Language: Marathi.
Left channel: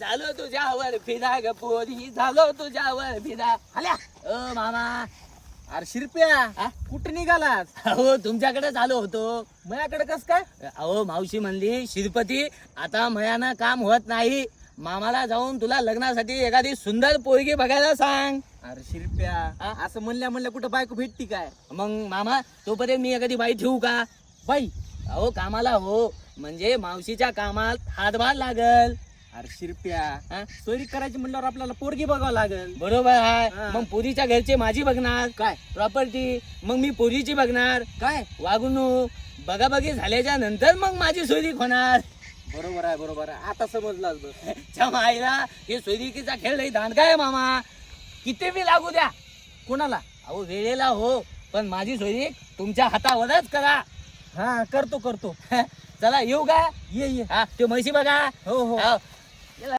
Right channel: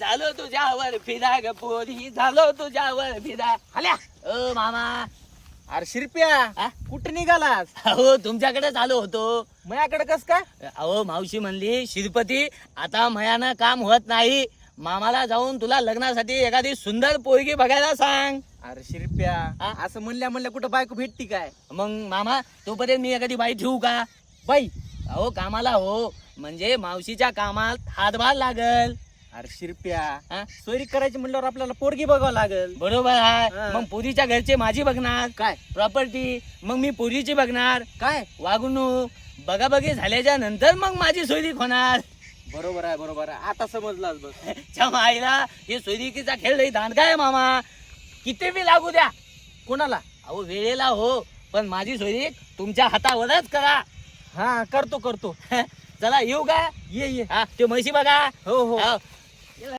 झालो तुझ्यावर फिदा ग पोरी, झालो तुझ्यावर फिदा. आल्या ओ मामा. अरे शिरप्या हा? कुठे निघालास? अहो तुमच्याकडेच आलो होतो. माझ्याकडे कस काय? अहो मावशी म्हणली शिरपती आता मयानं काम होत नाही, मामाला जाऊन तुला लग्नासाठी एखादी सुंदर पोरगी बघायला सांग. अरे शिरप्या हा? असं म्हणल्या कुठं बायको भेटती काय? मग मामा तोपर्यंत मी एखादी बाई ठेवू का? बाई अहो कामाला हो, म्हणजे मावशीच्या कामात हातभार लागल. अरे शिरप्या हा? सोयरी करायची म्हणल्यावर आपल्याला पोरगी बघावं लागल. बरोबर आहे. हा. मग पोरीच्या घरचे माझी बघणार काय प्रॉपर्टी, मग मी पोरीची बघणार काय? वागणूक, बघाबघी झाल्याच्या नंतर मग माझी सोयरीक होणार. बरोबर आहे आता समजलास बघ. च्या माईला हे सोयरिकीचा खेळ लई दांडगा आहे मामा. किती बी लागू द्या कोणाला? अहो वेळेला हो, पण माझी सोयरीक तुमच्या हातावरच करा. हा करतो चला येऊ का? ये हा ते म्हशी बघा. हो हो हो,